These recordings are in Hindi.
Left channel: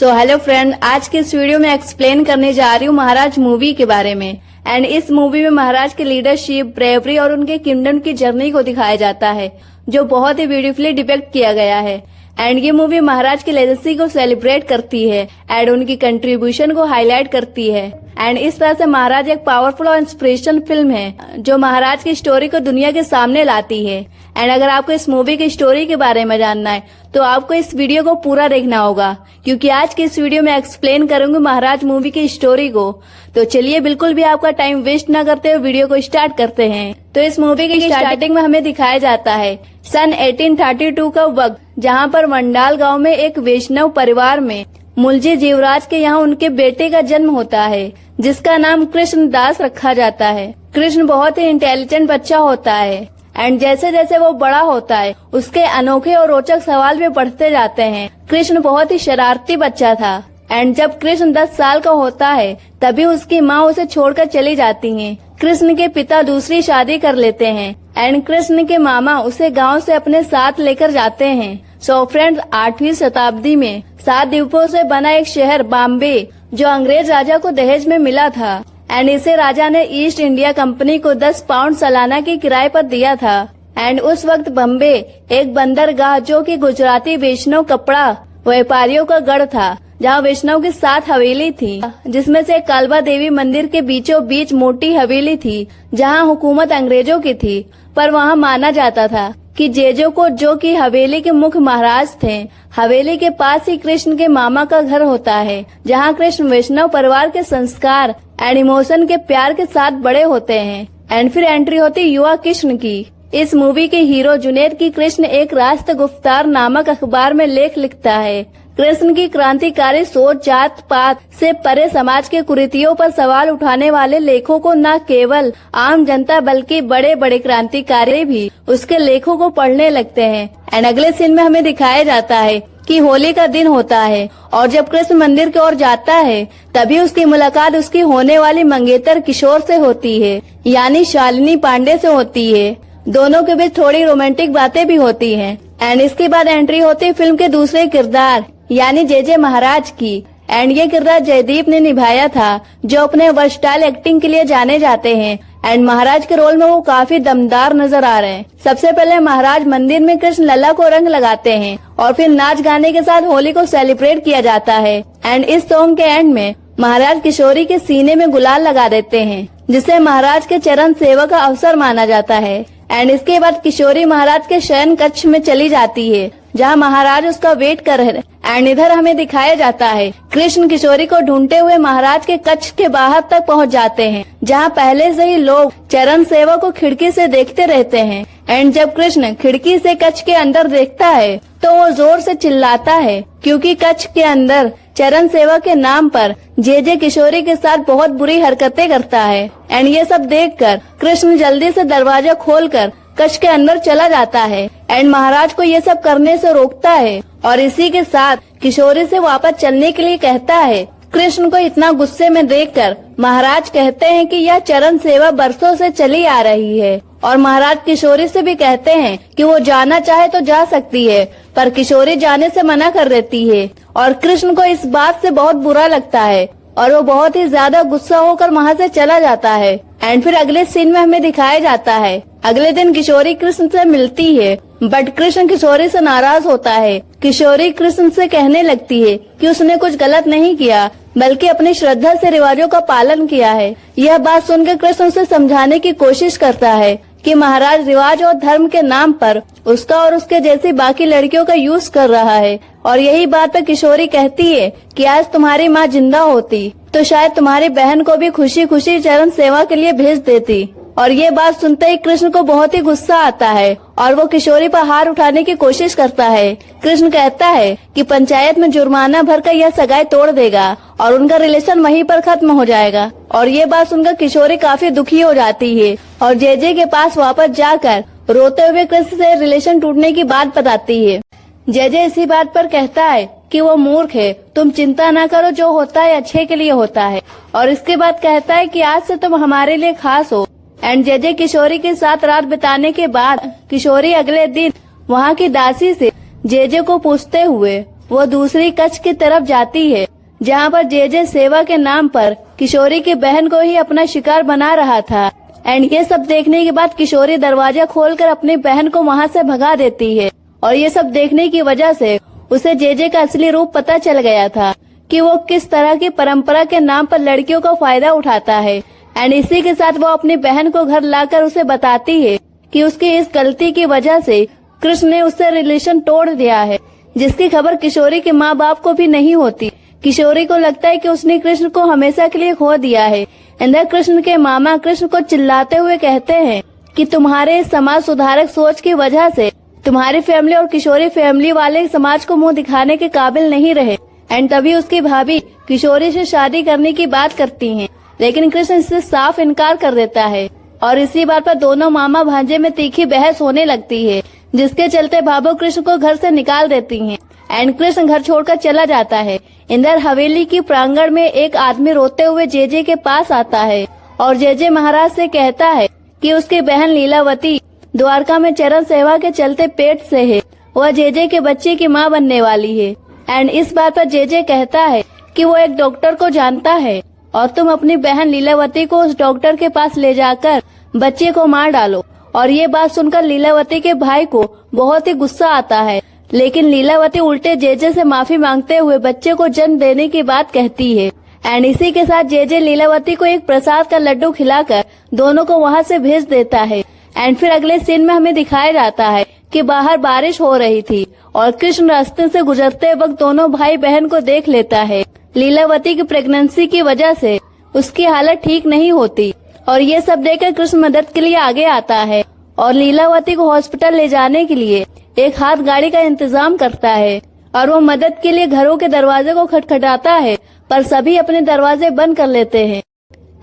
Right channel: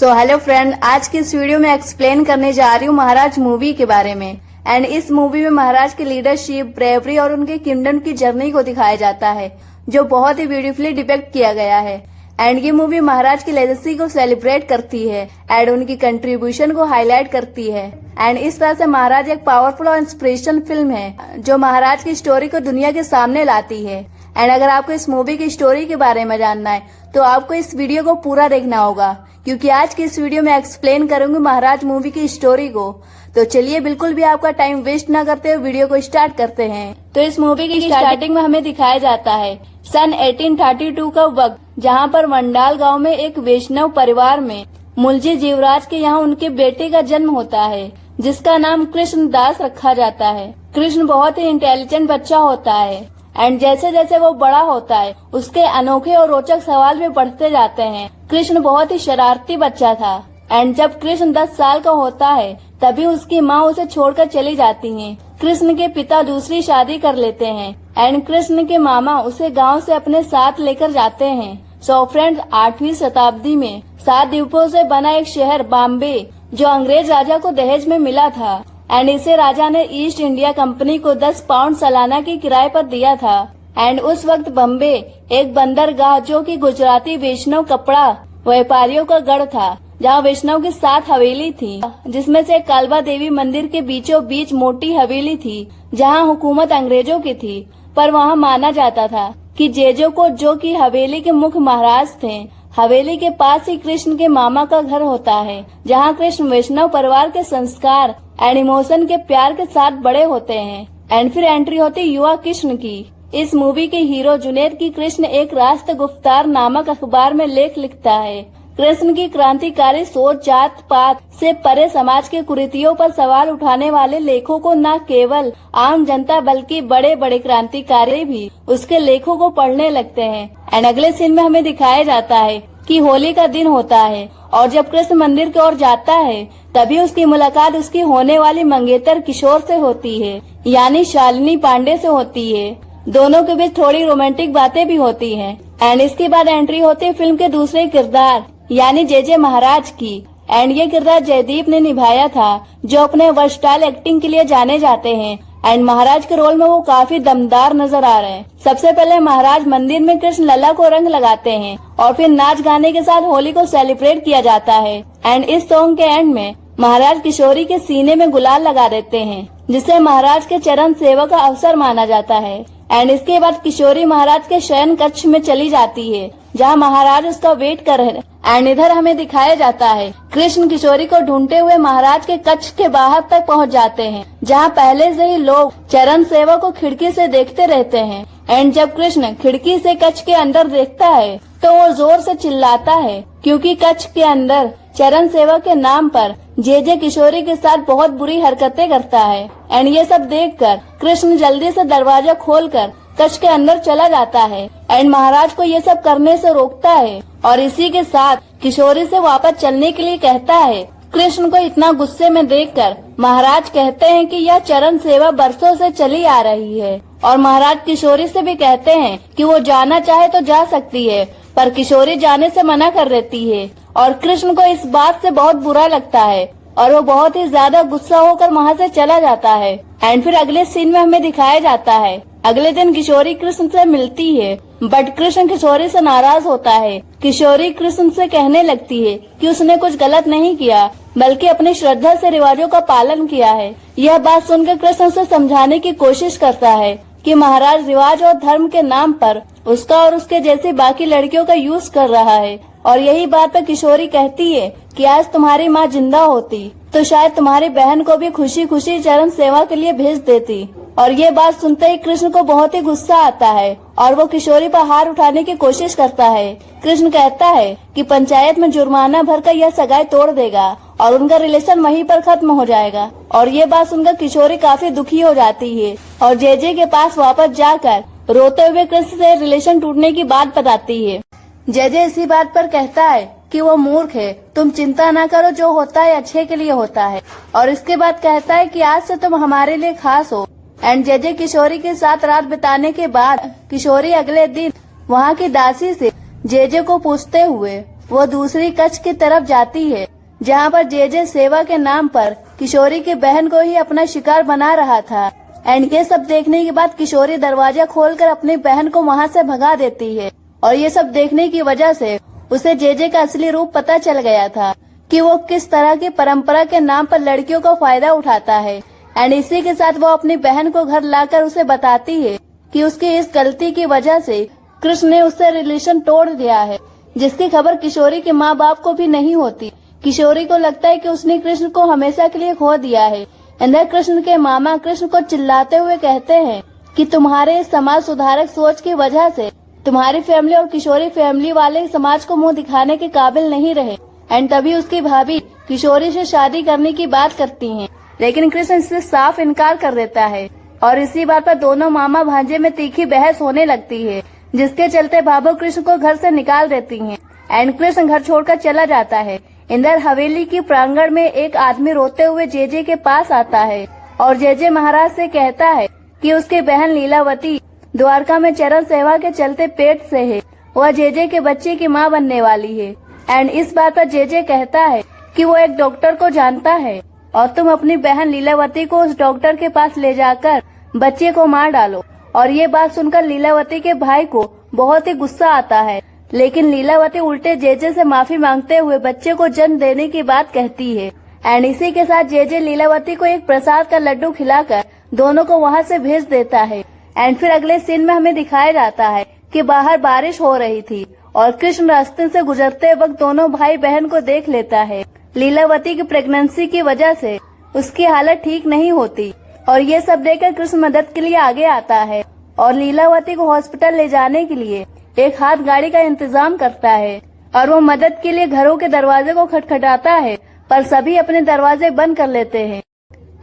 सो हेलो फ्रेंड, आज की इस वीडियो में एक्सप्लेन करने जा रही हूँ महाराज मूवी के बारे में। एंड इस मूवी में महाराज की लीडरशिप, ब्रेवरी और उनके किंगडम की जर्नी को दिखाया जाता है, जो बहुत ही ब्यूटीफुली डिपिक्ट किया गया है। एंड ये मूवी महाराज की लेगेसी को सेलिब्रेट करती है एंड उनकी कंट्रीब्यूशन को हाईलाइट करती है। एंड इस तरह से महाराज एक पावरफुल और इंस्पिरेशन फिल्म है जो महाराज की स्टोरी को दुनिया के सामने लाती है। एंड अगर आपको इस मूवी की स्टोरी के बारे में जानना है तो आपको इस वीडियो को पूरा देखना होगा, क्योंकि आज की इस वीडियो में एक्सप्लेन करूंगी महाराज मूवी की स्टोरी को। तो चलिए बिल्कुल भी आपका टाइम वेस्ट न करते हुए वीडियो को स्टार्ट करते हैं। तो इस मूवी की स्टार्टिंग में हमें दिखाया जाता है सन 1832 का वक्त, जहां पर वंडाल गांव में एक वैष्णव परिवार में मुलजी जीवराज के यहाँ उनके बेटे का जन्म होता है, जिसका नाम कृष्ण दास रखा जाता है। कृष्ण बहुत ही इंटेलिजेंट बच्चा होता है एंड जैसे जैसे वो बड़ा होता है उसके अनोखे और रोचक सवाल भी बढ़ते जाते हैं। कृष्ण बहुत ही शरारती बच्चा था एंड जब कृष्ण 10 साल का होता है तभी उसकी माँ उसे छोड़कर चली जाती हैं। कृष्ण के पिता दूसरी शादी कर लेते हैं एंड कृष्ण के मामा उसे गांव से अपने साथ लेकर जाते हैं। सो फ्रेंड्स, 8वीं शताब्दी में 7 द्वीपों से बना एक शहर बॉम्बे, जो अंग्रेज राजा को दहेज में मिला था एंड इसे राजा ने ईस्ट इंडिया कंपनी को 10 पाउंड सालाना की किराए पर दिया था। एंड उस वक्त बम्बे एक बंदरगाह, जो कि गुजराती वैष्णव कपड़ा व्यापारियों का गढ़ था, जहां वैष्णव की 7 हवेली थी, जिसमें से कालबा देवी मंदिर के बीचों बीच मोटी हवेली थी, जहां हुकूमत अंग्रेजों की थी। पर वहां माना जाता था कि जेजो को, जो कि हवेली के मुख्य महाराज थे, हवेली के पास ही कृष्ण के मामा का घर होता है, जहां कृष्ण वैष्णव परिवार के संस्कार एंड इमोशन के प्यार के साथ बड़े होते हैं। एंड फिर एंट्री होती युवा कृष्ण की। इस मूवी के हीरो जुनैद की कृष्ण एक राष्ट्र गुफ्तार नामक अखबार में लेख लिखता है। कृष्ण की क्रांतिकारी सोच जात पात से परे समाज के कुरीतियों पर सवाल उठाने वाले लेखों को न केवल आम जनता बल्कि बड़े बड़े क्रांतिकारी भी उसके लेखों को पढ़ने लगते हैं। एंड अगले सीन में हमें दिखाया जाता है कि होली का दिन होता है और जब कृष्ण मंदिर की ओर जाता है तभी उसकी मुलाकात उसकी होने वाली मंगेतर किशोर से होती है, यानी शालिनी पांडे से होती है। दोनों के बीच थोड़ी रोमांटिक बातें भी होती हैं। एंड इसके बाद एंट्री होती है फिल्म के दूसरे किरदार यानी जे महाराज की। एंड ये किरदार जयदीप ने निभाया था, जो अपने वर्सटाइल एक्टिंग के लिए जाने जाते हैं। एंड महाराज के रोल में वो काफी दमदार नजर आ रहे हैं। सबसे पहले महाराज मंदिर में कृष्ण लला को रंग लगाते हैं और फिर नाच गाने के साथ होली को सेलिब्रेट किया जाता है। एंड इस सॉन्ग के एंड में महाराज किशोरी के सीने में गुलाल लगा देते हैं, जिसे महाराज के चरण सेवा का अवसर माना जाता है। एंड इसके बाद किशोरी महाराज के शयन कक्ष में चली जाती है, जहां महाराज उसका वेट कर रहे हैं। एंड इधर हमें दिखाया जाता है कृष्ण किशोरी को ढूंढते हुए महाराज के कक्ष के बाहर तक पहुंच जाते हैं, जहां पहले से ही लोग चरण सेवा को खिड़की से देखते रहते हैं। एंड जब कृष्ण खिड़की से कक्ष के अंदर देखता है तो वो जोर से चिल्लाता है, क्योंकि कक्ष के अंदर चरण सेवा के नाम पर जे किशोरी के साथ बहुत बुरी हरकतें करता है। एंड ये सब देखकर कृष्ण जल्दी से दरवाजा खोलकर कक्ष के अंदर चला जाता है एंड महाराज को ये सब करने से रोकता है और इसी के साथ किशोरी से वापस चलने के लिए कहता है। कृष्ण को इतना गुस्से में देखकर महाराज कहते हैं कि यह चरण सेवा बरसों से चली आ रही है और महाराज किशोरी से भी कहते हैं कि वो जाना चाहे तो जा सकती है, पर किशोरी जाने से मना कर देती है और कृष्ण को इस बात से बहुत बुरा लगता है और वो बहुत ही ज्यादा गुस्सा होकर वहाँ से चला जाता है। एंड फिर अगले सीन में हमें दिखाया जाता है अगले दिन किशोरी कृष्ण से मिलती है, बट कृष्ण किशोरी से नाराज होता है। किशोरी कृष्ण से कहने लगती है कि उसने कुछ गलत नहीं किया, बल्कि अपनी श्रद्धा से रिवाजों का पालन किया है। यह बात सुनकर कृष्ण उसे समझाने की कोशिश करता है कि महाराज रिवाज और धर्म के नाम पर उसका और उसके जैसी बाकी लड़कियों का यूज कर रहा है। और यही बात पर किशोरी कहती है कि आज तुम्हारी माँ जिंदा होती तो शायद तुम्हारी बहन को भी खुशी खुशी चरण सेवा के लिए भेज देती। और ये बात सुनते ही कृष्ण को बहुत ही गुस्सा आता है और वो किशोरी पर हाथ उठाने की कोशिश करता है। कृष्ण कहता है कि पंचायत में जुर्माना भरकर यह सगाई तोड़ देगा और उनका रिलेशन वहीं पर खत्म हो जाएगा। और ये बात सुनकर किशोरी काफी दुखी हो जाती है और जे के पास वापस जाकर रोते हुए कृष्ण से रिलेशन टूटने की बात बताती है। जे इसी बात पर कहता है कि वो मूर्ख है, तुम चिंता न करो, जो होता है अच्छे के लिए होता है। और इसके बाद कहता है कि आज से तुम हमारे लिए खास हो। एंड जे किशोरी के साथ रात बिताने के बाद किशोरी अगले दिन वहाँ की दासी से जे को पूछते हुए वो दूसरी कक्ष की तरफ जाती है जहाँ पर जे सेवा के नाम पर किशोरी की बहन को ही अपना शिकार बना रहा था। एंड ये सब देखने के बाद किशोरी दरवाजा खोलकर अपनी बहन को वहाँ से भगा देती है और ये सब देखने की वजह से उसे जे का असली रूप पता चल गया था कि वो किस तरह की परंपरा के नाम पर लड़कियों का फायदा उठाता है। एंड इसी के साथ वो अपनी बहन को घर लाकर उसे बताती है कि उसकी इस गलती की वजह से कृष्ण ने उससे रिलेशन तोड़ दिया है, जिसकी खबर किशोरी के माँ बाप को भी नहीं होती। किशोरी को लगता है कि उसने कृष्ण को हमेशा के लिए खो दिया है। इंद्र कृष्ण के मामा कृष्ण को चिल्लाते हुए कहते हैं कि तुम्हारे समाज सुधारक सोच की वजह से तुम्हारी फैमिली और किशोरी फैमिली वाले समाज को मुंह दिखाने के काबिल नहीं रहे। एंड तभी उसकी भाभी किशोरी से शादी करने की बात करती हैं, लेकिन कृष्ण इससे साफ इनकार कर देता है और इसी बात पर दोनों मामा भांजे में तीखी बहस होने लगती है, जिसके चलते भाभो कृष्ण को घर से निकाल देती हैं। एंड कृष्ण घर छोड़कर चला जाता है। इंदर हवेली की प्रांगण में एक आदमी रोते हुए जे के पास आता है और जे महाराज से कहता है कि उसकी बहन लीलावती द्वारका में चरण सेवा के चलते पेट से है, वह जे के बच्चे की माँ बनने वाली है। एंड इस बात पर जे कहता है कि वो एक डॉक्टर को जानता है और तुम अपनी बहन लीलावती को उस डॉक्टर के पास ले जाकर बच्चे को मार डालो। और ये बात सुनकर लीलावती के भाई को बहुत ही गुस्सा आता है, लेकिन लीलावती उल्टे जे से माफी मांगते हुए बच्चे को जन्म देने की बात कहती है। एंड इसी के साथ जे लीलावती को एक प्रसाद का लड्डू खिलाकर दोनों को वहाँ से भेज देता है। एंड फिर अगले सीन में हमें दिखाया जाता है कि बाहर बारिश हो रही थी और कृष्ण रास्ते से गुजरते वक्त दोनों भाई बहन को देख लेता है। लीलावती की प्रेगनेंसी की वजह से उसकी हालत ठीक नहीं होती और ये सब देखकर कृष्ण मदद के लिए आगे आता है और लीलावती को हॉस्पिटल ले जाने के लिए एक हाथ गाड़ी का इंतजाम करता है और वो मदद के लिए घरों के दरवाजे को खटखटाता है, पर सभी अपने दरवाजे बंद कर लेते हैं।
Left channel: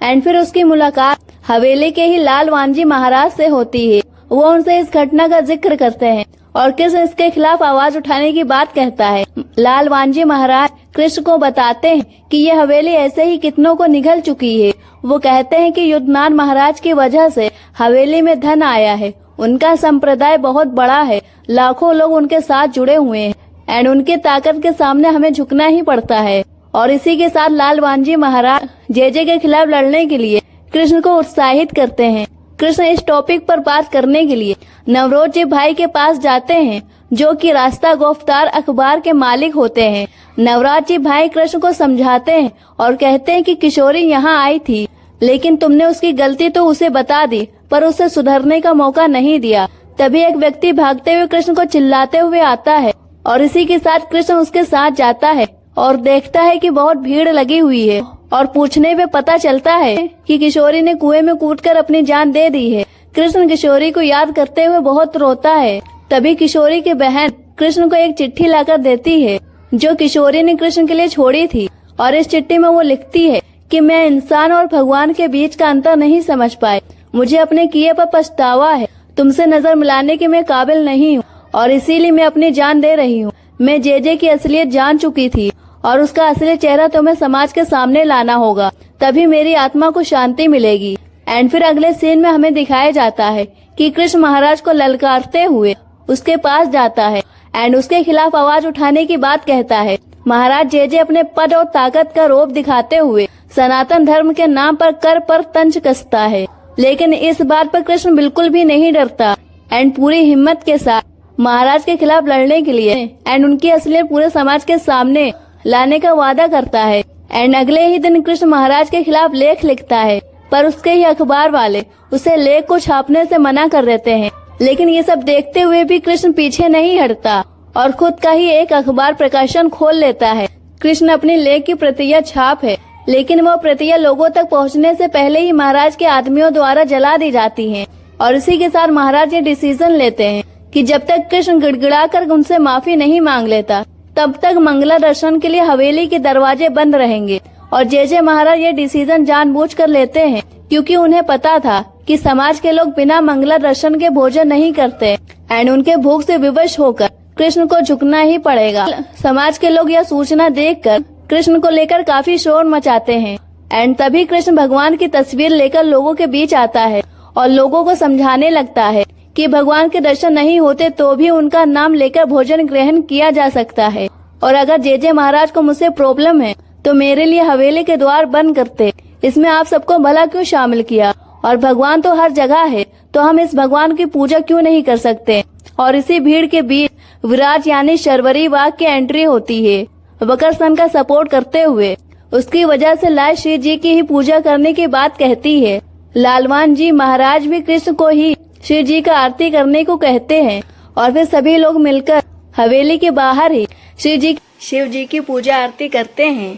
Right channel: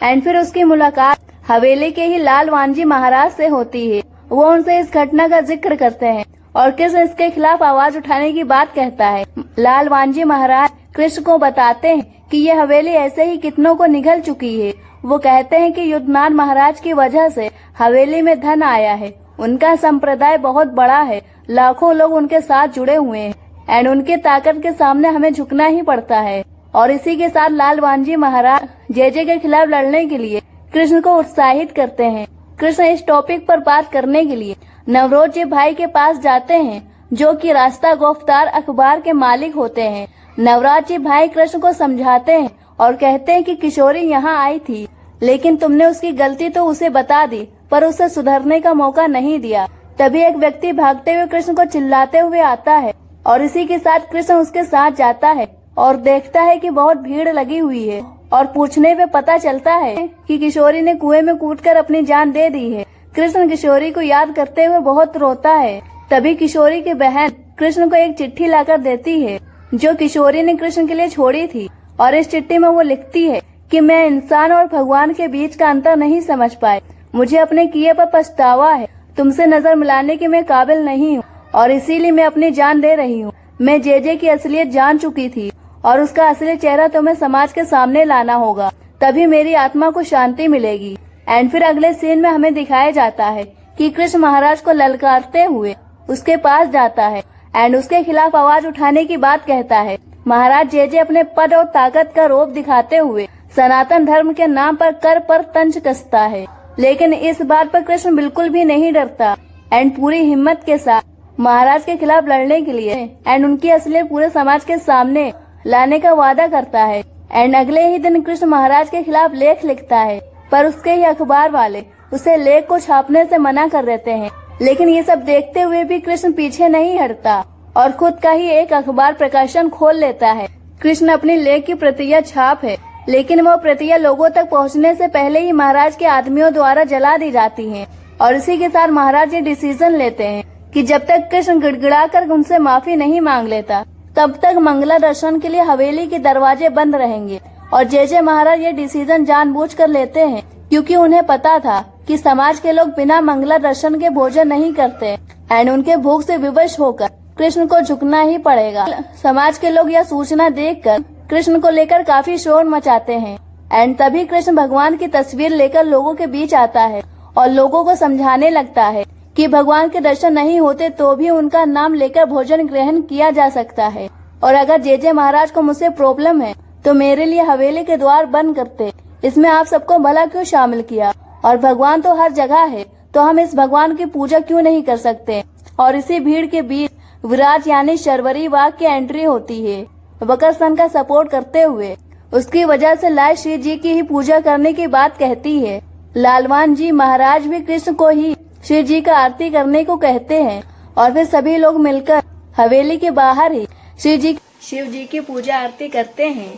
एंड फिर उसकी मुलाकात हवेली के ही लाल वांजी महाराज से होती है। वो उनसे इस घटना का जिक्र करते हैं और कृष्ण इसके खिलाफ आवाज उठाने की बात कहता है। लाल वांजी महाराज कृष्ण को बताते हैं कि ये हवेली ऐसे ही कितनों को निगल चुकी है। वो कहते हैं कि युद्धनाथ महाराज की वजह से हवेली में धन आया है, उनका संप्रदाय बहुत बड़ा है, लाखों लोग उनके साथ जुड़े हुए हैं एंड उनके ताकत के सामने हमें झुकना ही पड़ता है। और इसी के साथ लाल वांजी महाराज जे के खिलाफ लड़ने के लिए कृष्ण को उत्साहित करते हैं। कृष्ण इस टॉपिक पर बात करने के लिए नवरोज जी भाई के पास जाते हैं, जो कि रास्ता गिरफ्तार अखबार के मालिक होते हैं। नवराज जी भाई कृष्ण को समझाते हैं और कहते हैं कि किशोरी यहाँ आई थी, लेकिन तुमने उसकी गलती तो उसे बता दी पर उसे सुधरने का मौका नहीं दिया। तभी एक व्यक्ति भागते हुए कृष्ण को चिल्लाते हुए आता है और इसी के साथ कृष्ण उसके साथ जाता है और देखता है कि बहुत भीड़ लगी हुई है और पूछने पे पता चलता है कि किशोरी ने कुएं में कूदकर अपनी जान दे दी है। कृष्ण किशोरी को याद करते हुए बहुत रोता है। तभी किशोरी की बहन कृष्ण को एक चिट्ठी लाकर देती है जो किशोरी ने कृष्ण के लिए छोड़ी थी और इस चिट्ठी में वो लिखती है कि मैं इंसान और भगवान के बीच का अंतर नहीं समझ पाई, मुझे अपने किए पर पछतावा है, तुमसे नजर मिलाने के मैं काबिल नहीं हूँ और इसीलिए मैं अपनी जान दे रही हूँ। मैं जे की असलियत जान चुकी थी और उसका असली चेहरा तुम्हें समाज के सामने लाना होगा, तभी मेरी आत्मा को शांति मिलेगी। एंड फिर अगले सीन में हमें दिखाया जाता है कि कृष्ण महाराज को ललकारते हुए उसके पास जाता है एंड उसके खिलाफ आवाज उठाने की बात कहता है। महाराज जे अपने पद और ताकत का रोब दिखाते हुए सनातन धर्म के नाम पर कर पर तंज कसता है, लेकिन इस बात पर कृष्ण बिल्कुल भी नहीं डरता एंड पूरी हिम्मत के साथ महाराज के खिलाफ लड़ने के लिए एंड उनकी असलियत पूरे समाज के सामने लाने का वादा करता है। एंड अगले ही दिन कृष्ण महाराज के खिलाफ लेख लिखता है, पर उसके ही अखबार वाले उसे लेख को छापने से मना कर देते हैं। लेकिन ये सब देखते हुए भी कृष्ण पीछे नहीं हटता और खुद का ही एक अखबार प्रकाशन खोल लेता है। कृष्ण अपने लेख की प्रतियां छाप है, लेकिन वो प्रतियां लोगों तक पहुंचने से पहले ही महाराज के आदमियों द्वारा जला दी जाती हैं। और इसी के साथ महाराज ये डिसीजन लेते हैं कि जब तक कृष्ण गिड़गिड़ाकर उनसे माफी नहीं मांग लेता तब तक मंगला दर्शन के लिए हवेली के दरवाजे बंद रहेंगे। और जे महाराज ये डिसीजन जानबूझकर लेते हैं क्योंकि उन्हें पता था कि समाज के लोग बिना मंगला दर्शन के भोजन नहीं करते एंड उनके भूख से विवश होकर कृष्ण को झुकना ही पड़ेगा। समाज के लोग यह सूचना देखकर कृष्ण को लेकर काफी शोर मचाते हैं एंड तभी कृष्ण भगवान की तस्वीर लेकर लोगों के बीच आता है और लोगों को समझाने लगता है कि भगवान के दर्शन नहीं होते तो भी उनका नाम लेकर भोजन ग्रहण किया जा सकता है। और अगर जेजे महाराज को मुझसे प्रॉब्लम है तो मेरे लिए हवेली के द्वार बंद करते। इसमें आप सबको भला क्यों शामिल किया? और भगवान तो हर जगह है, तो हम इस भगवान की पूजा क्यों नहीं कर सकते? और इसी भीड़ के बीच विराज यानी शर्वरी वाघ की एंट्री होती है वक्रसन का सपोर्ट करते हुए। उसकी वजह से लाल श्री जी की ही पूजा करने की बात कहती है। लालवान जी महाराज भी कृष्ण को ही शिव जी का आरती करने को कहते हैं और फिर सभी लोग मिलकर हवेली के बाहर ही शिव जी की पूजा आरती करते हैं।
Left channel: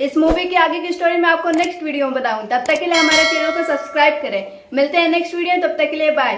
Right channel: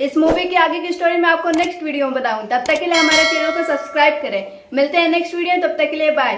इस मूवी की आगे की स्टोरी मैं आपको नेक्स्ट वीडियो में बताऊं। तब तक के लिए हमारे चैनल को सब्सक्राइब करें। मिलते हैं नेक्स्ट वीडियो, तब तक के लिए बाय।